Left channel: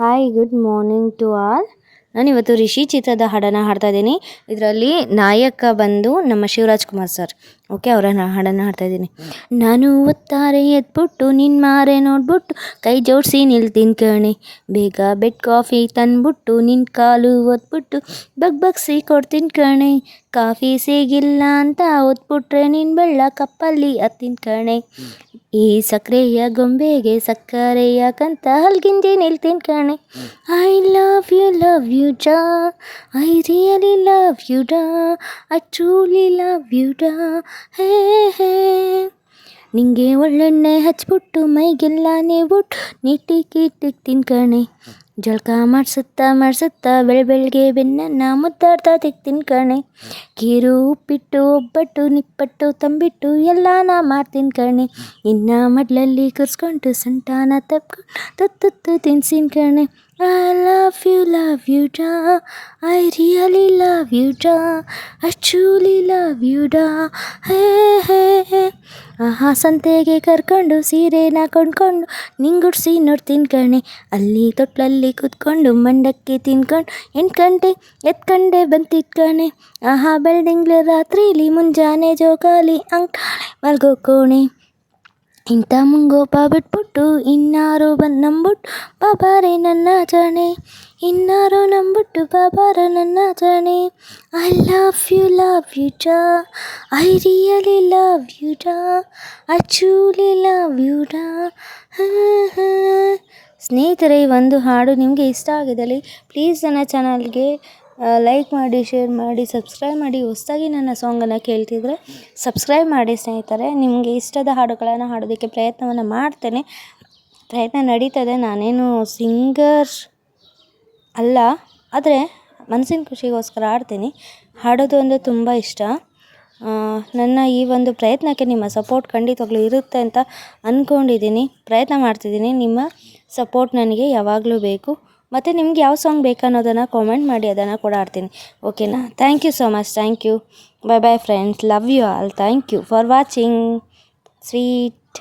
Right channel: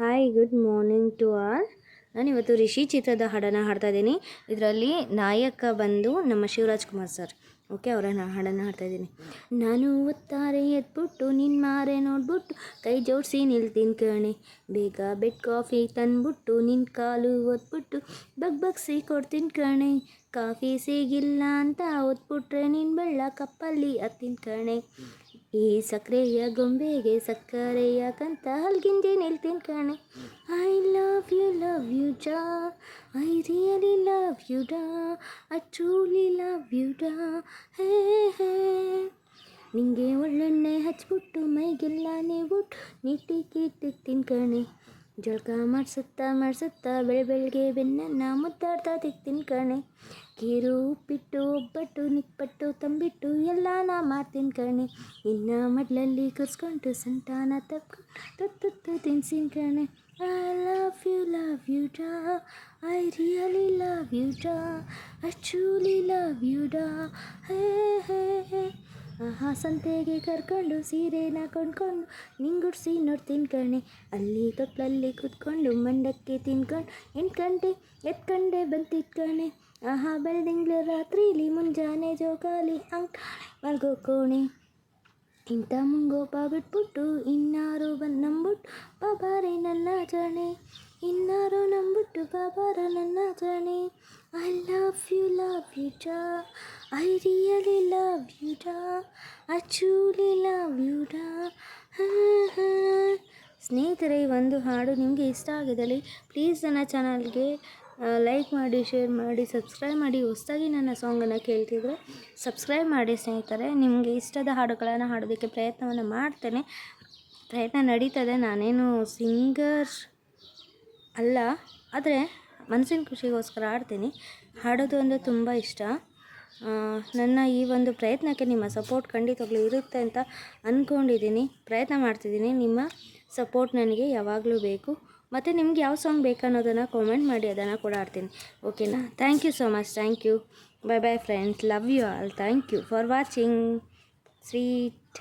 Hi good morning to all. ನಾನಿವತ್ತು ರಿಷಿ ಚಿತ್ರದ ಹಾಡನ್ನು ಹಾಡ್ತಾ ಇದ್ದೀನಿ. ಇದರಲ್ಲಿ ನಾಯಕ ಬಂದು ನಮ್ಮ ಶಿವರಾಜ್ ಕುಮಾರ್ ಸರ್. ಓಕೆ, ಅವರ ಹಾಡನ್ನು ಹಾಡ್ತಾ ಇದ್ದೀನಿ. ನಾನು ಒತ್ತಾರೆ ಎದ್ಬಿಟ್ಟು ನಿನ್ನ ಮಾರೆ ನೋಡ್ಬಿಟ್ಟು ಕೈ ಜೋಡಿಸಿ ನಿಲ್ತೀನಿ ಕಣೆ, ಬೇಗ ಬೆಡ್ ಕಾಫಿ ತಂದ್ಬಿಟ್ಟು ನಿನ್ನ ಕಾಲು ಒತ್ಬಿಟ್ಟು ಬಗ್ಸಿ ಕೊಡ್ತೀನಿ ಕಣೆ, ಕಾಫಿ ಸಿಗಿಲ್ಲ ಅಂತ ಒತ್ಬಿಟ್ರೆ ನಿನ್ನ ಬೆಳ್ಳ ಕಪ್ಪಲ್ಲಿ ಹತ್ತೀನಿ ಕಣೆ, ಈ ಸಕ್ಕರೆಯ ಗೊಂಬೆಗೆ ಸಕ್ಕರೆಯ ಕಂತ ಹಲ್ಗಿಂಜಿ ನಿಲ್ತೀನಿ ಕಣೆ, ಐ ಲವ್ ಯು ಡಾ, ಐ ರಿಯಲಿ ಲವ್ ಯು ಡಾ, ಐ ಟ್ರೂಲಿ ಲವ್ ಯು ಡಾ, ಹೇ ಹೇ, ನಿಂಗೆ ಒಳ್ಳೆಣ್ಣೆ ಹಚ್ಬಿಟ್ಟು ಮೈಗೆಲ್ಲ ನೀವುಟ್ಟು ನೀಟಿಕ್ಕಿಟ್ಟಿಕ್ತೀನಿ ಕಣೆ, ಜಳಕ ಮಾಡಿಸುತ್ತಾ ಬೆಳಗ್ಗೆ ಬೆನ್ನನ್ನು ಮುದ್ದಾಡ್ತಾ ತಿಕ್ತೀನಿ ಕಣೆ, ಕೀರು ಉಪ್ಪಿಟ್ಟು ಒಬ್ಬಟ್ಟು ನಿಪ್ಪಟ್ಟು ತಂಬಿಟ್ಟು ಎಲ್ಲ ನಾ ಮಾಡ್ತೀನಿ ಕಣೆ, ಇನ್ನು ಮಡ್ಲಲ್ಲಿ ಕೂರಿಸ್ಕೊಂಡು ಸಂಟಾನ ತಪ್ಕೊಂಡು ತುತ್ತು ತಿನ್ಸಿನ ಕಣೆ, ಐ ಲವ್ ಯು ಡಾ, ಐ ರಿಯಲಿ ಲವ್ ಯು ಡಾ, ಐ ಟ್ರೂಲಿ ಲವ್ ಯು ಡಾ, ಹೇ ಹೇ ಹೇ, ಆಹಾ ಸಂತೆಗೆ ಕರ್ಕೊಂಡು ಸೀರೆನ ಕೊಂಡ್ಕೊಂಡು ನಿಂಗುಡ್ಸಿ ನೋಡ್ತೀನಿ ಕಣೆ, ಅಲ್ಲಿ ತೊಟ್ಲಲ್ಲಿ ಕೂತ್ಕೊಂಡು ಮಂಡಕ್ಕಿ ತಿನ್ಕೊಂಡು 8 ಗಂಟೆ ಎತ್ಕಂಡೆ ಬಂತಿತ್ತು ಕಣೆ, ಆಹಾ ಬೆಳ್ದಿಂಗ್ಳು ರಾತ್ರಿಲಿ ಮುಂಜಾನೆ ಜೋಕಾಲಿ ಅಂಕಾಳೆ ಮಲ್ಗೋ ಕೋಣೆ, ಇಂಥ ಮುಂಗೋಪ ಬಿಟ್ಬಿಟ್ಟು ಇನ್ನಾರು ಬಂದು ನಂಬಿಟ್ಟು ಬಾಬಾರೆ ನನ್ನ ಜಾಣೆ, ಇನ್ನಾರು ನಂಬಿಟ್ಟು ಬಾಬಾರ ನನ್ನ ಜಾಣೆ, ಐ ಲವ್ ಯು ಡಾ, ಐ ರಿಯಲಿ ಲವ್ ಯು ಡಾ, ಐ ಟ್ರೂಲಿ ಲವ್ ಯು ಡಾ. ಸ್ನೇಹಿತರೆ, ಈ ಒಂದು ಹಾಡು ನಿಮಗೆ ಇಷ್ಟ ಆಗಿದ್ದಲ್ಲಿ ಪ್ಲೀಸ್ ನನ್ನ ಚಾನಲ್ಗೆ ಲೈಕ್ ಮಾಡಿ, ಶೇರ್ ಮಾಡಿ, ಸಬ್ಸ್ಕ್ರೈಬ್ ಮಾಡಿ. ಹೊಸದಾಗಿ ನನ್ನ ಸಾಂಗನ್ನು ಕೇಳ್ತಿದ್ರೆ ಸಬ್ಸ್ಕ್ರೈಬ್ ಮಾಡಿ ಸ್ನೇಹಿತರೆ. ನಿಮಗೆ ಇಷ್ಟದ ಹಾಡುಗಳನ್ನು ಹಾಡೋದಕ್ಕೆ ಪ್ರಯತ್ನವನ್ನು ಮಾಡ್ತೇನೆ, ಪ್ರಯತ್ನ ನಡೀತದೆ. ನಾನೇನು ಸಿಂಗರ್ ಅಲ್ಲ, ಆದರೆ ಮನಸ್ಸಿನ ಖುಷಿಗೋಸ್ಕರ ಹಾಡ್ತೀನಿ. ಹಾಡೋದು ಅಂದರೆ ತುಂಬ ಇಷ್ಟ. ನನ್ನ ಈ ಒಂದು ಪ್ರಯತ್ನಕ್ಕೆ ನಿಮ್ಮ ಸಪೋರ್ಟ್ ಖಂಡಿತವಾಗ್ಲೂ ಇರುತ್ತೆ ಅಂತ ಅಂದ್ಕೊಂಡಿದ್ದೀನಿ, ಪ್ರಯತ್ನ ಮಾಡ್ತಿದ್ದೀನಿ. ನಿಮ್ಮ ಸಪೋರ್ಟ್ ನನಗೆ ಯಾವಾಗಲೂ ಬೇಕು. ಮತ್ತು ನಿಮ್ಗೆ ಯಾವ ಸಾಂಗ್ ಬೇಕನ್ನೋದನ್ನು ಕಾಮೆಂಟ್ ಮಾಡಿ, ಅದನ್ನು ಕೂಡ ಹಾಡ್ತೀನಿ. ಓಕೆನಾ? Thank you so much. Thank you. Bye friends. Love you all. Thank you for watching. Sweet.